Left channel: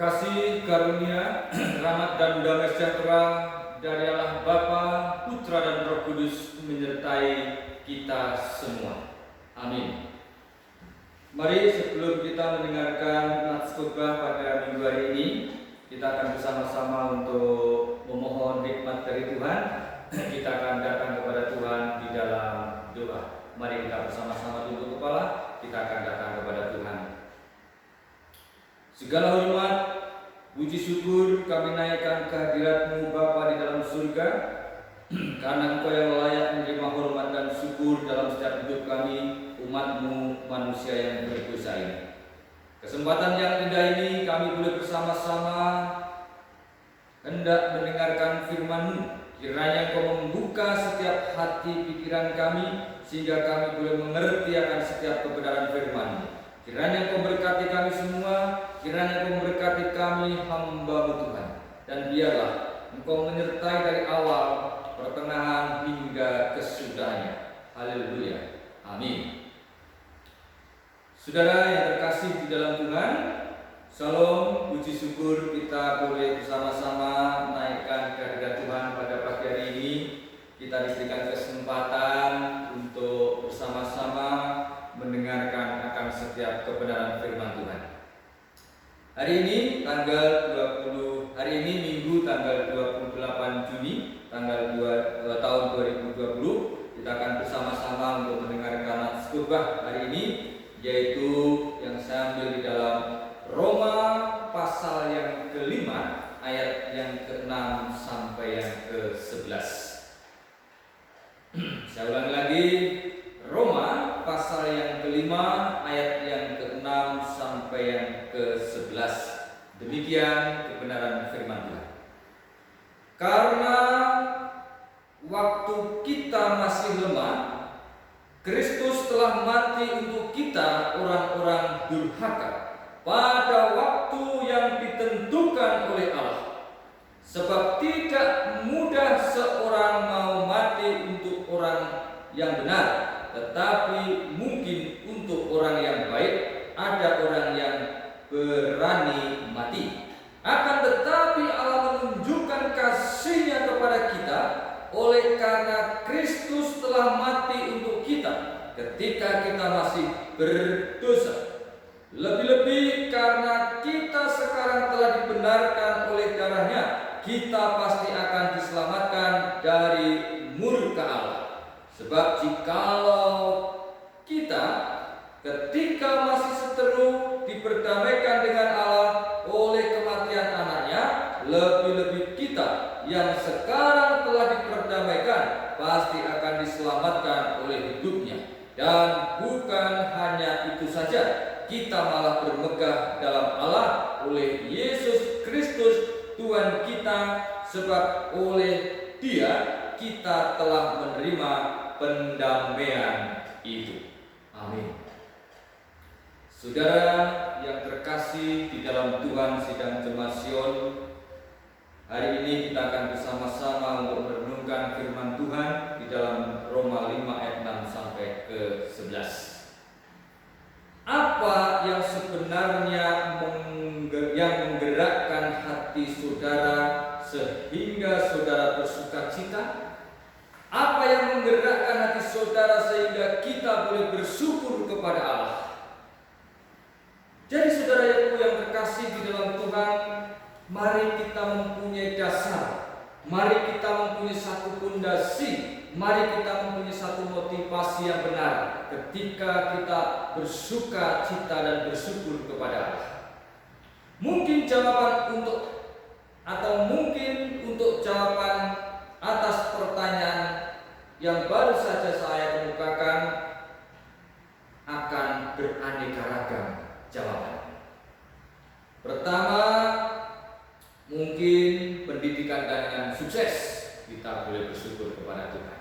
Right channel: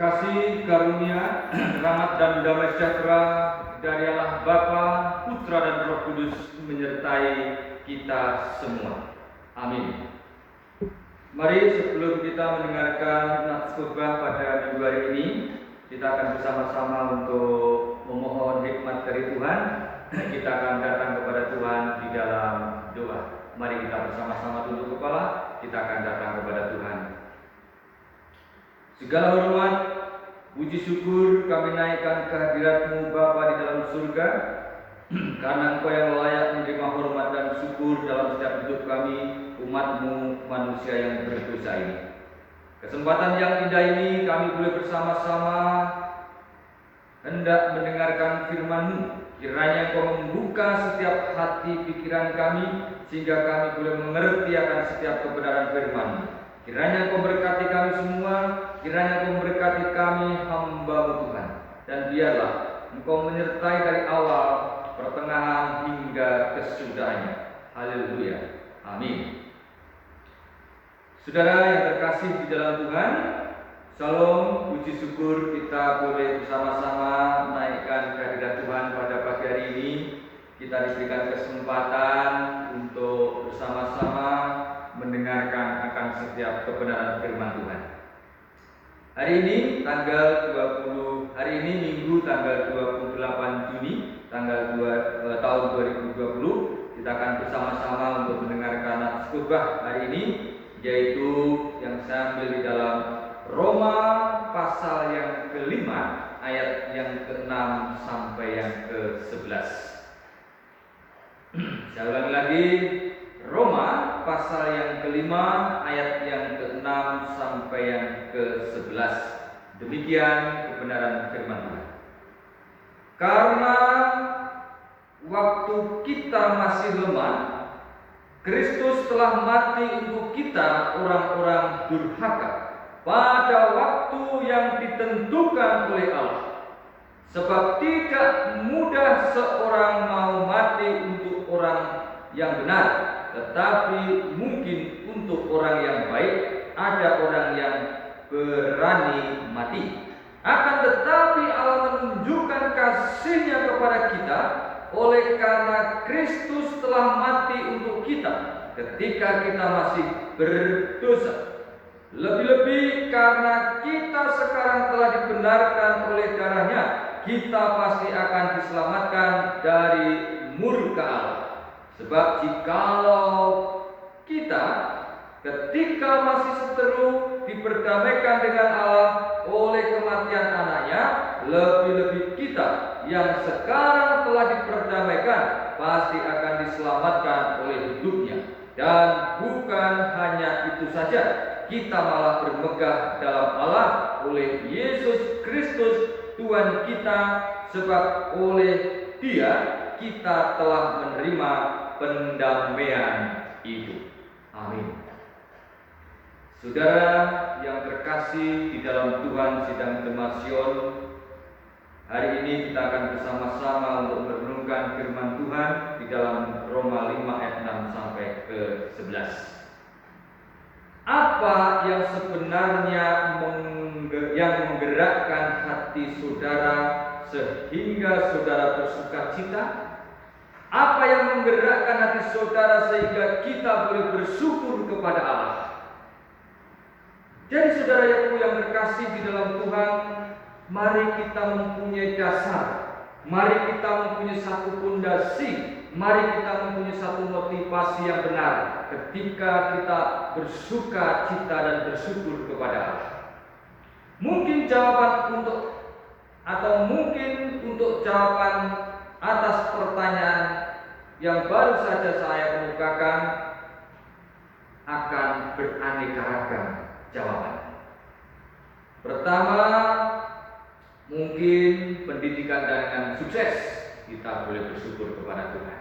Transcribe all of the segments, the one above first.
Kasih karunia, rahmat dan damai sejahtera dari Allah Bapa, Putra dan Roh Kudus menyertai kita semua. Amin. Mari sebelum kita mendengarkan nats khotbah pada minggu hari ini, kita akan bersama-sama untuk memohon hikmat dari Tuhan. Kita akan datang kepada Tuhan di dalam doa. Mari kita bersama-sama tunduk kepala, kita akan datang kepada Tuhan. Segala hormat, puji syukur kami naikkan kehadirat-Mu Bapa di dalam surga, karena Engkau yang layak menerima hormat dan syukur dalam setiap hidup kami, umat-Mu manusia yang berdosa ini. Kesempatan yang indah ini kami boleh bersama-sama hendak mendengarkan firman-Mu. Kiranya Engkau membuka setiap hati pikiran kami, sehingga kami boleh mengerti akan setiap kebenaran firman-Mu. Kiranya Engkau berkati kami semua, kiranya Engkau memberkati kami hamba-Mu Tuhan. Dan biarlah Engkau menyertai dari awal, pertengahan hingga kesudahannya. Haleluya. Amin. Saudara yang terkasih di dalam Tuhan, Shalom, puji syukur kita boleh bersama-sama naikkan kehadirat Tuhan pada pagi hari ini. Kita diberikan kesempatan untuk bersama-sama mendengarkan akan setiap kebenaran firman Tuhan. Hari ini Minggu tanggal 28 Juni tahun 2020, kita akan bersama-sama untuk mendengarkan nats khotbah hari ini, yaitu yang saya ambil di dalam Roma pasal yang ke-5 ayat yang ke-6 sampai yang ke-11. Saya ulangi lagi, Roma pasal yang ke-5 ayat yang ke-6 sampai yang ke-11. Demikian kebenaran firman Tuhan. Karena waktu kita masih lemah, Kristus telah mati untuk kita orang-orang durhaka pada waktu yang ditentukan oleh Allah. Sebab tidak mudah seorang mau mati untuk orang yang benar, tetapi mungkin untuk orang yang baik ada orang yang berani mati. Akan tetapi Allah menunjukkan kasih-Nya kepada kita oleh karena Kristus telah mati untuk kita ketika kita masih berdosa. Lebih-lebih karena kita sekarang telah dibenarkan oleh darah-Nya, kita pasti akan diselamatkan dari murka Allah. Sebab jikalau kita ketika masih seteru diperdamaikan dengan Allah oleh kematian anaknya, lebih-lebih kita yang sekarang telah diperdamaikan pasti akan diselamatkan oleh hidupnya. Dan bukan hanya itu saja, kita malah bermegah dalam Allah oleh Yesus Kristus Tuhan kita, sebab oleh Dia kita telah menerima pendamaian itu. Amin. Saudara yang terkasih di dalam Tuhan sidang Jemaat Sion, hari ini kita akan bersama-sama untuk merenungkan firman Tuhan di dalam Roma 5 ayat 6 sampai ke-11. Apa yang sebenarnya yang menggerakkan hati saudara sehingga saudara bersuka cita? Apa yang menggerakkan hati saudara sehingga kita boleh bersyukur kepada Allah? Jadi saudaraku yang terkasih di dalam Tuhan, mari kita mempunyai dasar, mari kita mempunyai satu pondasi, mari kita mempunyai satu motivasi yang benar ketika kita bersuka cita dan bersyukur kepada Allah. Mungkin jawaban jawaban atas pertanyaan yang baru saja saya kemukakan akan beraneka ragam jawaban. Pertama, mungkin pendidikan dengan sukses, kita boleh bersyukur kepada Tuhan.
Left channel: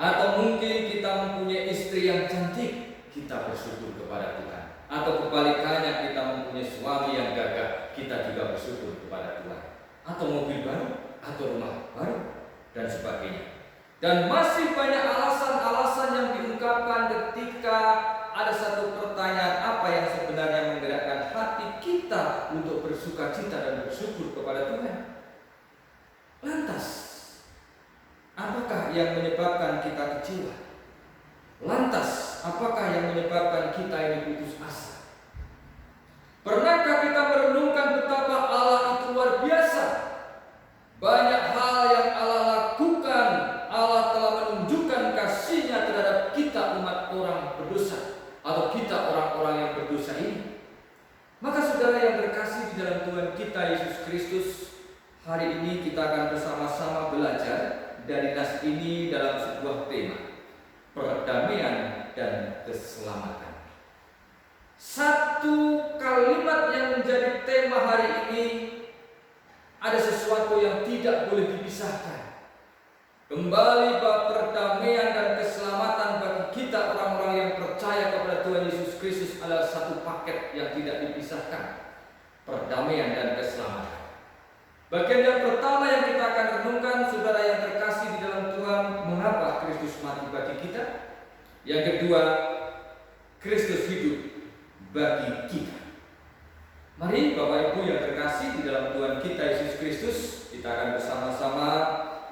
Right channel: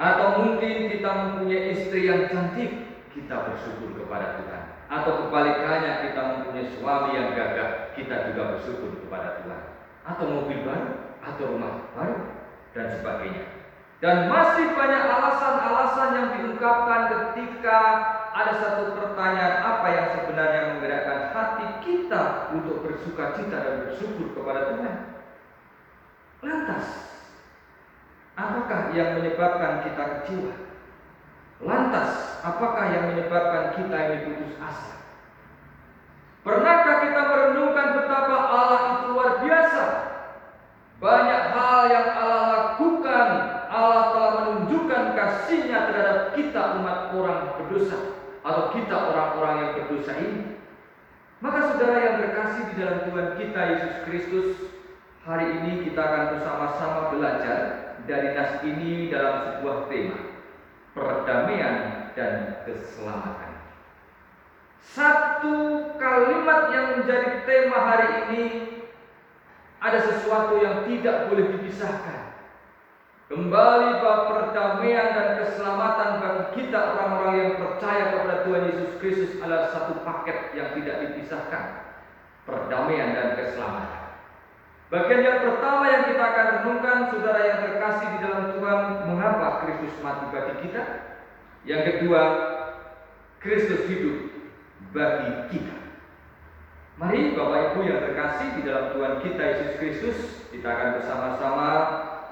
Atau mungkin kita mempunyai istri yang cantik, kita bersyukur kepada Tuhan. Atau kebalikannya, kita mempunyai suami yang gagah, kita juga bersyukur kepada Tuhan. Atau mobil baru, atau rumah baru, dan sebagainya. Dan masih banyak alasan-alasan yang diungkapkan ketika ada satu pertanyaan, apa yang sebenarnya menggerakkan hati kita untuk bersyukur bersukacita dan bersyukur kepada Tuhan. Lantas, apakah yang menyebabkan kita kecewa? Lantas, apakah yang menyebabkan kita ini putus asa? Pernahkah kita merenungkan betapa Allah itu luar biasa? Banyak hal yang Allah lakukan. Allah telah menunjukkan kasih-Nya terhadap kita umat orang berdosa, atau kita orang-orang yang berdosa ini. Maka saudara yang terkasih di dalam Tuhan kita Yesus Kristus, hari ini kita akan bersama-sama belajar dari nas ini dalam sebuah tema, perdamaian dan keselamatan. Satu kalimat yang menjadi tema hari ini, ada sesuatu yang tidak boleh dipisahkan. Kembali bahwa perdamaian dan keselamatan bagi kita orang-orang yang percaya kepada Tuhan Yesus Kristus adalah satu paket yang tidak dipisahkan. Perdamaian dan keselamatan. Bagian yang pertama yang kita akan renungkan, saudara yang terkasih di dalam Tuhan, mengapa Kristus mati bagi kita? Yang kedua, Kristus hidup bagi kita. Mari Bapak Ibu yang terkasih di dalam Tuhan kita Yesus Kristus, kita akan bersama-sama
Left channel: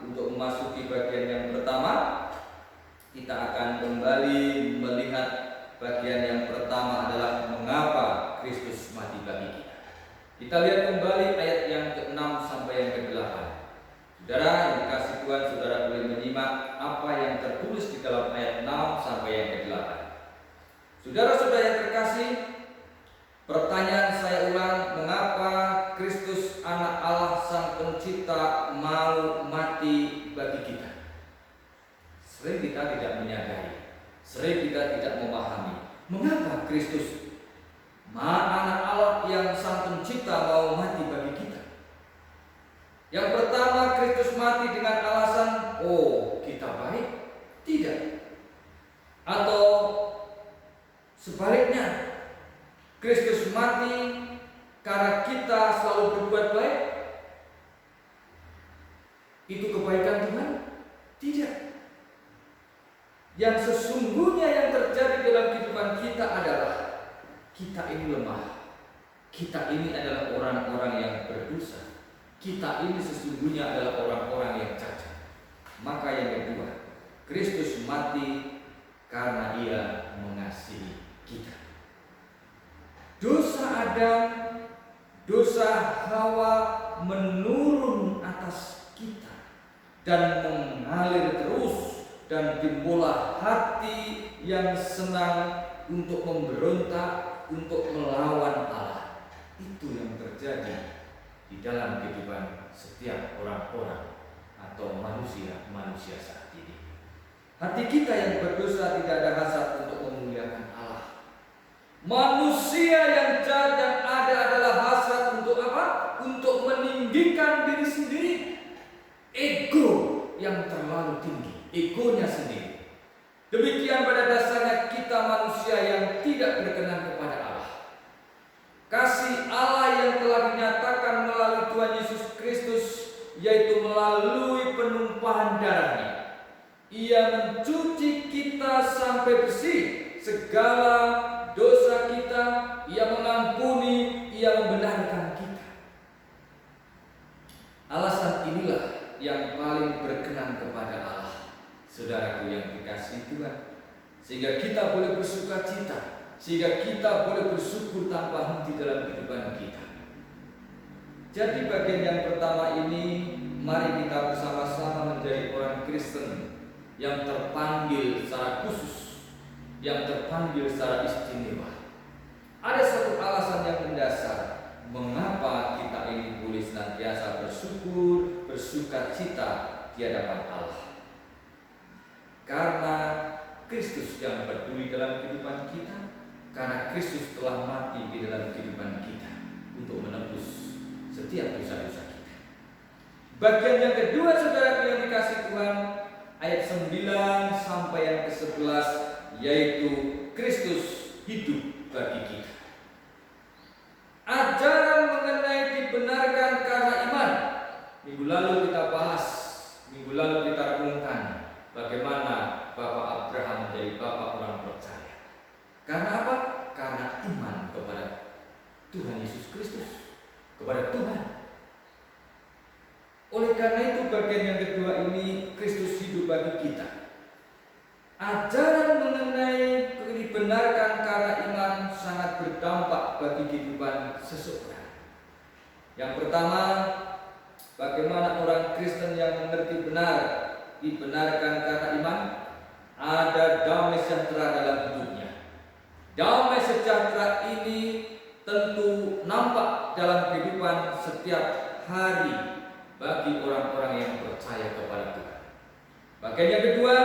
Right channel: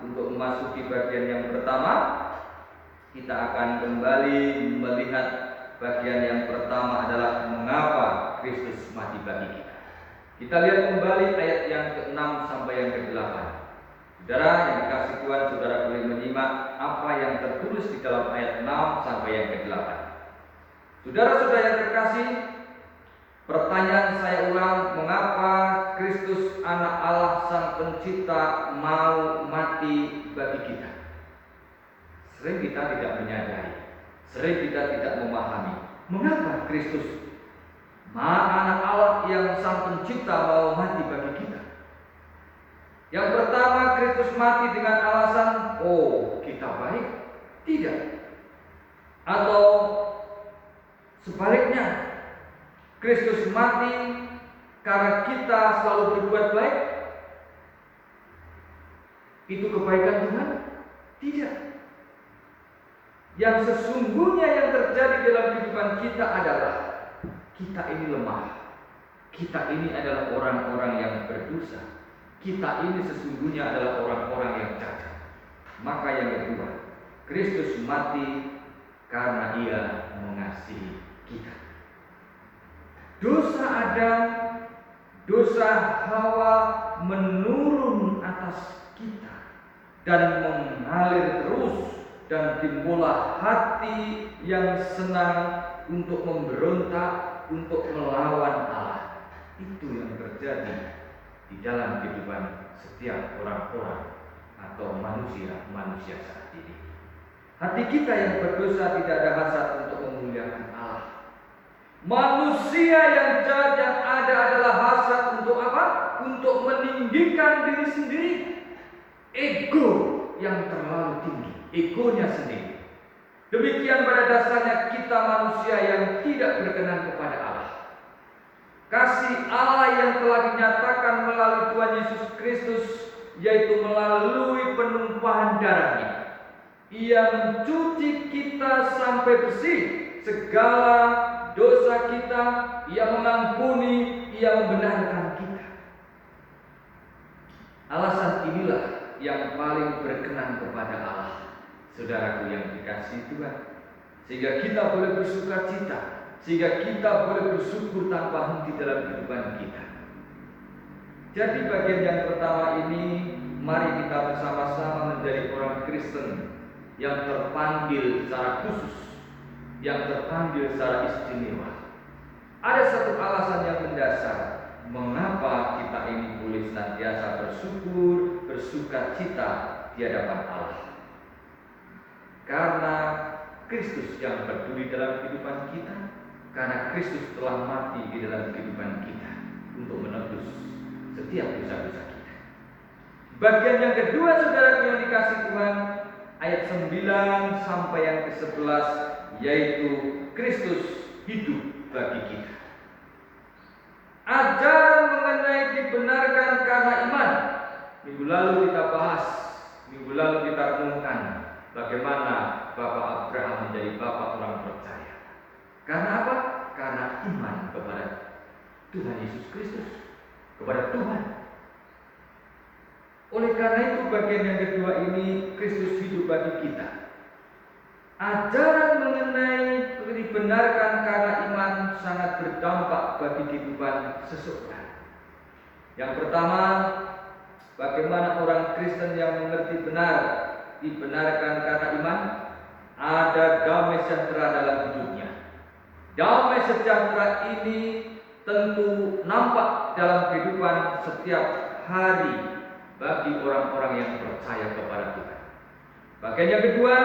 untuk memasuki bagian yang pertama. Kita akan kembali melihat bagian yang pertama adalah mengapa Kristus mati bagi kita. Kita lihat kembali ayat yang ke-6 sampai yang ke-8. Saudara yang dikasih Tuhan, saudara boleh menyimak apa yang tertulis di dalam ayat 6 sampai yang ke-8. Saudara-saudara yang terkasih, pertanyaan saya ulang, mengapa Kristus anak Allah sang pencipta mau mati bagi kita? Sering kita tidak menyadari, sering kita tidak memahami mengapa Kristus anak Allah yang sang pencipta mau mati bagi kita. Yang pertama, Kristus mati dengan alasan, oh kita baik? Tidak. Atau sebaliknya, Kristus mati karena kita selalu berbuat baik? Itu kebaikan Tuhan? Tidak. Yang sesungguhnya yang terjadi dalam kehidupan kita adalah kita ini lemah. Kita ini adalah orang-orang yang berdosa. Kita ini sesungguhnya adalah orang-orang yang cacat. Maka yang kedua, Kristus mati karena Ia mengasihi kita. Dosa Adam, dosa Hawa menurun atas kita dan mengalir terus, dan timbullah hati yang senang untuk memberontak, untuk melawan Allah. Itu yang terjadi di dalam kehidupan setiap orang-orang atau manusia saat ini. Hati kita yang berdosa tidak ada hasrat untuk memuliakan Allah. Manusia yang jahat yang ada adalah hasrat untuk apa? Untuk meninggikan diri sendiri. Ego yang terlalu tinggi, egonya sendiri. Demikian pada dasarnya kita manusia yang tidak berkenan kepada Allah. Kasih Allah yang telah dinyatakan melalui Tuhan Yesus Kristus, yaitu melalui penumpahan darah-Nya. Ia mencuci kita sampai bersih segala dosa kita. Ia mengampuni, Ia membenarkan kita. Alasan inilah yang paling berkenan kepada Allah, saudaraku yang dikasihi Tuhan, sehingga kita boleh bersukacita, sehingga kita boleh bersyukur tanpa henti dalam kehidupan kita. Jadi bagian yang pertama ini, mari kita bersama-sama menjadi orang Kristen yang terpanggil secara khusus, yang terpanggil secara istimewa. Ada satu alasan yang mendasar mengapa kita ini boleh senantiasa bersyukur, bersukacita di hadapan Allah. Karena Kristus yang berdiri dalam kehidupan kita, karena Kristus telah mati di dalam kehidupan kita untuk menebus setiap dosa-dosa kita. Bagian yang kedua, saudara yang dikasih Tuhan, ayat 9 sampai yang ke-11, yaitu Kristus hidup bagi kita. Ajaran mengenai dibenarkan karena iman. Minggu lalu kita bahas, minggu lalu kita renungkan bagaimana Bapak Abraham menjadi bapak orang percaya. Karena apa? Karena iman kepada Tuhan Yesus Kristus. kepada Tuhan. Oleh karena itu bagian yang kedua ini Kristus hidup bagi kita. Ajaran mengenai dibenarkan karena iman sangat berdampak bagi kehidupan seseorang. Yang pertama, bagaimana orang Kristen yang mengerti benar dibenarkan karena iman, ada damai sejahtera dalam hidupnya. Damai sejahtera ini tentu nampak dalam kehidupan setiap hari bagi orang-orang yang percaya kepada Tuhan. Bagian yang kedua,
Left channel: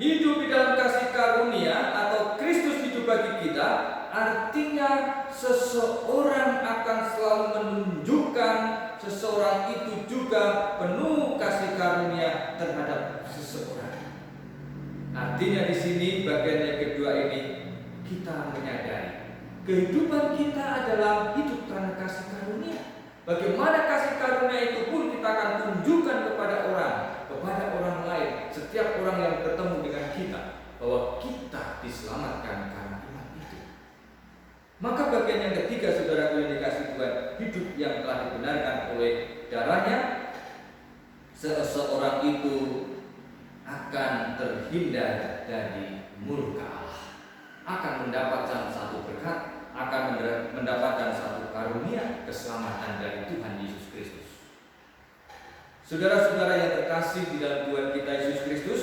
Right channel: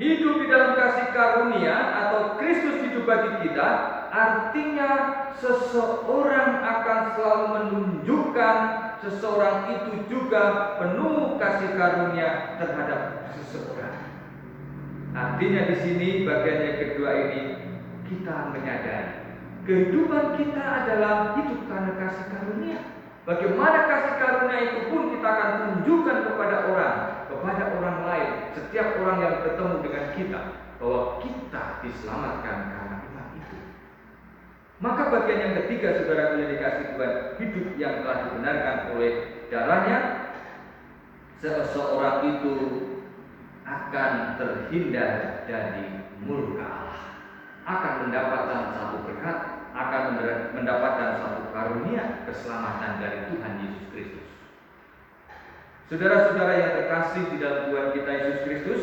hidup di dalam kasih karunia atau Kristus hidup bagi kita, artinya seseorang akan selalu menunjukkan seseorang itu juga penuh kasih karunia terhadap seseorang. Artinya di sini bagian yang kedua ini kita menyadari kehidupan kita adalah hidup karena kasih karunia. Bagaimana kasih karunia itu pun kita akan tunjukkan kepada orang lain, setiap orang yang bertemu dengan kita, bahwa kita diselamatkan karena iman itu. Maka bagian yang ketiga, saudara yang dikasih Tuhan, hidup yang telah dibenarkan oleh darahnya, seseorang itu akan terhindar dari murka Allah, akan mendapatkan satu berkat, akan mendapatkan satu karunia keselamatan dari Tuhan Yesus Kristus. Saudara-saudara yang terkasih di dalam Tuhan kita Yesus Kristus,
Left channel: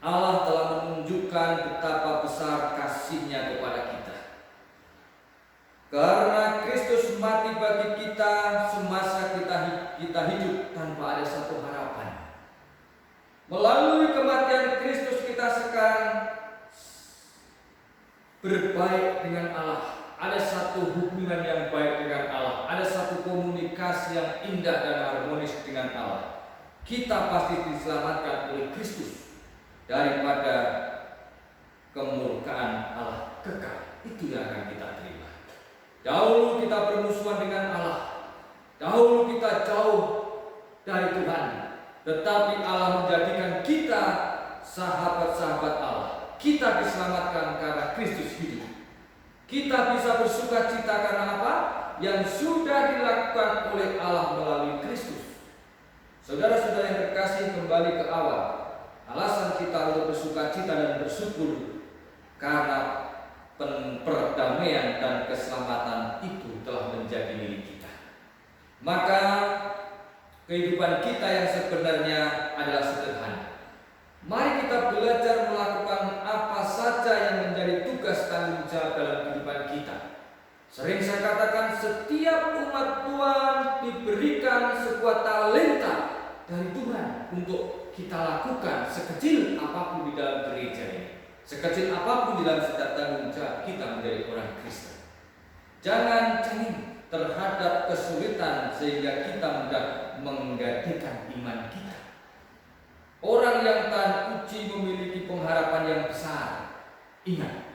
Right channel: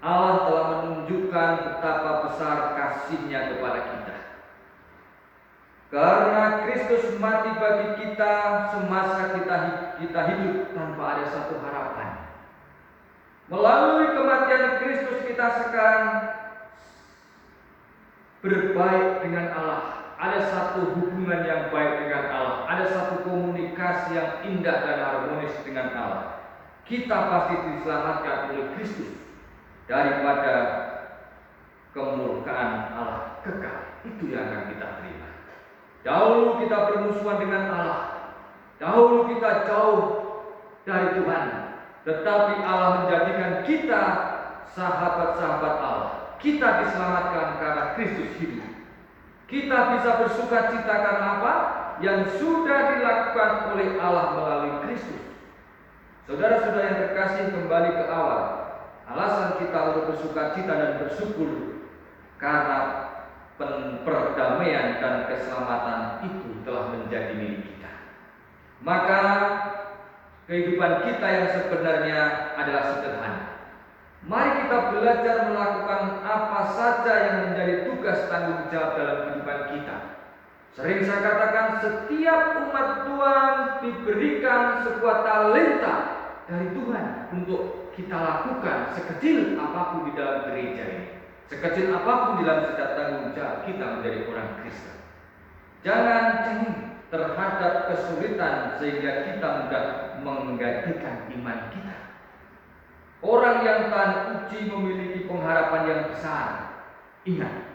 Allah telah menunjukkan betapa besar kasih-Nya kepada kita. Karena Kristus mati bagi kita semasa kita hidup tanpa ada satu harapan. Melalui kematian Kristus kita sekarang berbaik dengan Allah. Ada satu hubungan yang baik dengan Allah. Ada satu komunikasi yang indah dan harmonis dengan Allah. Kita pasti diselamatkan oleh Kristus daripada kemurkaan Allah kekal. Itu yang akan kita terima. Dahulu kita bermusuhan dengan Allah. Dahulu kita jauh dari Tuhan. Tetapi Allah menjadikan kita sahabat-sahabat Allah. Kita diselamatkan karena Kristus hidup. Kita bisa bersuka cita karena apa? Yang sudah dilakukan oleh Allah melalui Kristus. Saudara-saudara yang terkasih, kembali ke awal. Alasan kita untuk bersuka cita dan bersyukur karena perdamaian dan keselamatan itu telah menjadi milik kita. Maka kehidupan kita yang sebenarnya adalah sederhana. Mari kita belajar melakukan apa saja yang menjadi tugas tanggung jawab dalam kehidupan kita. Sering saya katakan, setiap umat Tuhan diberikan sebuah talenta dari Tuhan untuk kita lakukan sekecil apapun di dalam gereja ini. Sekecil apapun di dalam setiap tanggung jawab kita menjadi orang Kristen. Jangan cengeng terhadap kesulitan sehingga kita mudah menggadaikan iman kita. Orang yang tahan uji memiliki pengharapan yang besar. Ingat,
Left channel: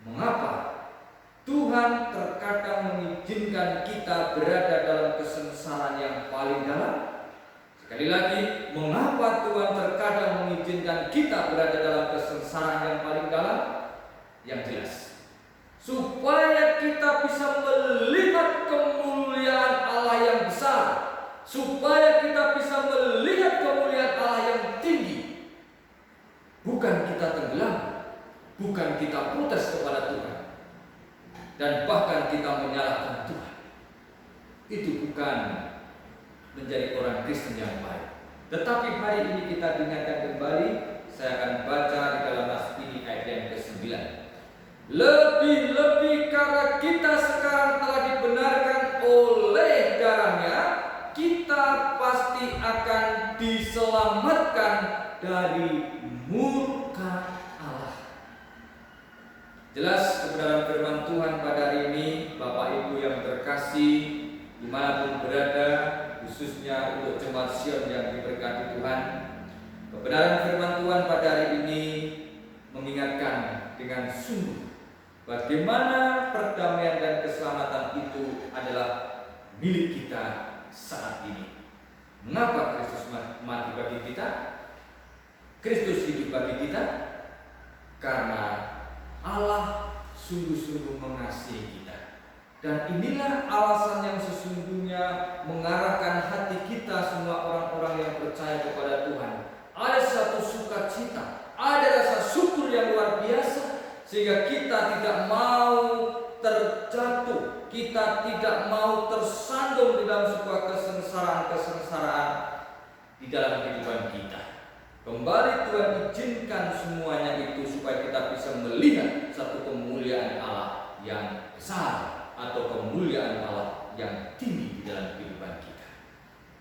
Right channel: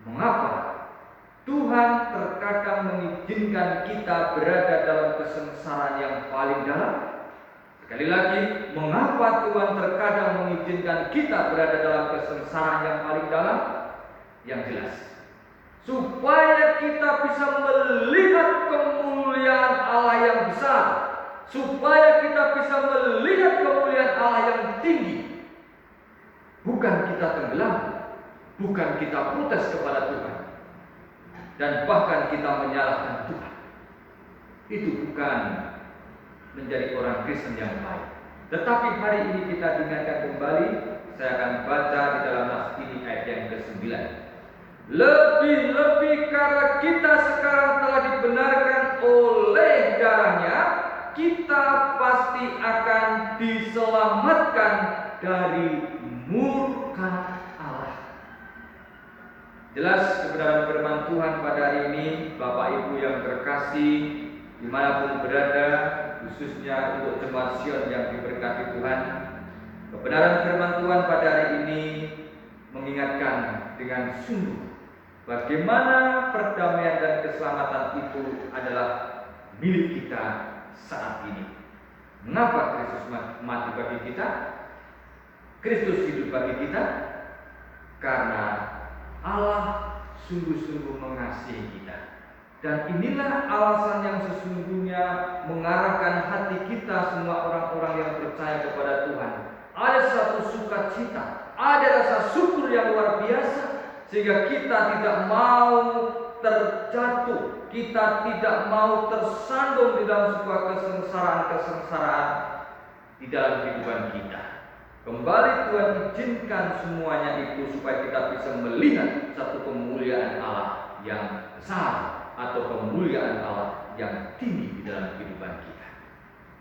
mengapa Tuhan terkadang mengizinkan kita berada dalam kesengsaraan yang paling dalam? Sekali lagi, mengapa Tuhan terkadang mengizinkan kita berada dalam kesengsaraan yang paling dalam? Yang jelas, supaya kita bisa melihat kemuliaan Allah yang besar, supaya kita bisa melihat kemuliaan Allah yang tinggi. Bukan kita tenggelam, bukan kita protes kepada Tuhan, dan bahkan kita menyalahkan Tuhan. Itu bukan menjadi orang Kristen yang baik. Tetapi hari ini kita diingatkan kembali. Saya akan baca di dalam nas ini ayat yang ke-9. Lebih-lebih karena kita sekarang telah dibenarkan oleh darahnya, kita pasti akan diselamatkan dari murka Allah. Jelas kebenaran firman Tuhan pada hari ini, Bapak Ibu yang terkasih, dimanapun berada, khususnya untuk jemaat Sion yang diberkati Tuhan, kebenaran firman Tuhan pada hari ini mengingatkan dengan sungguh bagaimana perdamaian dan keselamatan itu adalah milik kita saat ini. Mengapa Kristus mati bagi kita? Kristus hidup bagi kita karena Allah sungguh-sungguh mengasihi kita. Dan inilah alasan yang sesungguhnya mengarahkan hati kita semua orang-orang yang percaya kepada Tuhan. Ada satu sukacita, ada rasa syukur yang luar biasa, sehingga kita tidak mau terjatuh, kita tidak mau tersandung di dalam sebuah kesengsaraan di dalam kehidupan kita. Kembali Tuhan izinkan semuanya itu supaya kita bisa melihat satu kemuliaan Allah yang besar atau kemuliaan Allah yang tinggi di dalam kehidupan kita.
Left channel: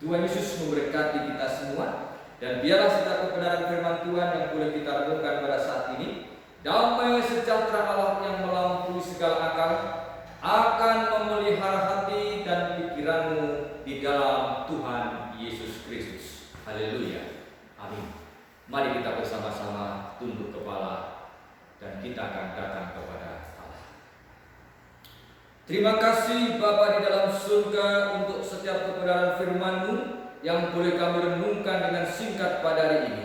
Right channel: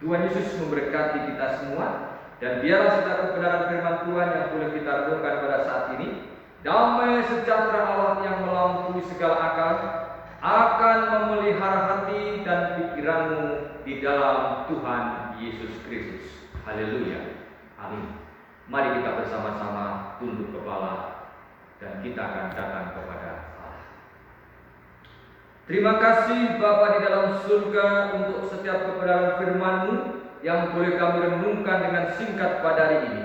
Tuhan Yesus memberkati kita semua, dan biarlah setiap kebenaran firman Tuhan yang boleh kita renungkan pada saat ini. Damai sejahtera Allah yang melampaui segala akal akan memelihara hati dan pikiranmu di dalam Tuhan Yesus Kristus. Haleluya. Amin. Mari kita bersama-sama tunduk kepala dan kita akan datang kepada Allah. Terima kasih Bapa di dalam surga untuk setiap kebenaran firman-Mu yang boleh kami renungkan dengan singkat pada hari ini.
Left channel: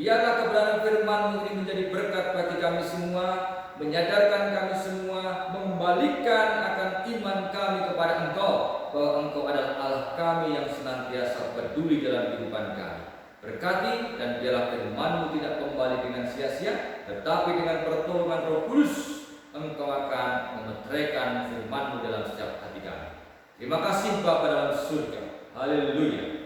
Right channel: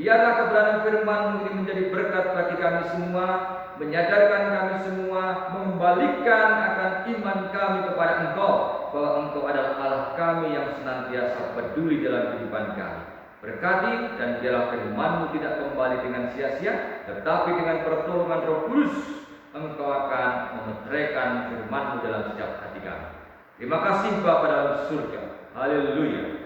Biarlah kebenaran firman-Mu ini menjadi berkat bagi kami semua, menyadarkan kami semua, membalikkan akan iman kami kepada Engkau, bahwa Engkau adalah Allah kami yang senantiasa peduli dalam kehidupan kami. Berkati dan biarlah firman-Mu tidak kembali dengan sia-sia, tetapi dengan pertolongan Roh Kudus Engkau akan memeteraikan firman-Mu dalam setiap hati kami. Terima kasih Bapa dalam surga. Haleluya.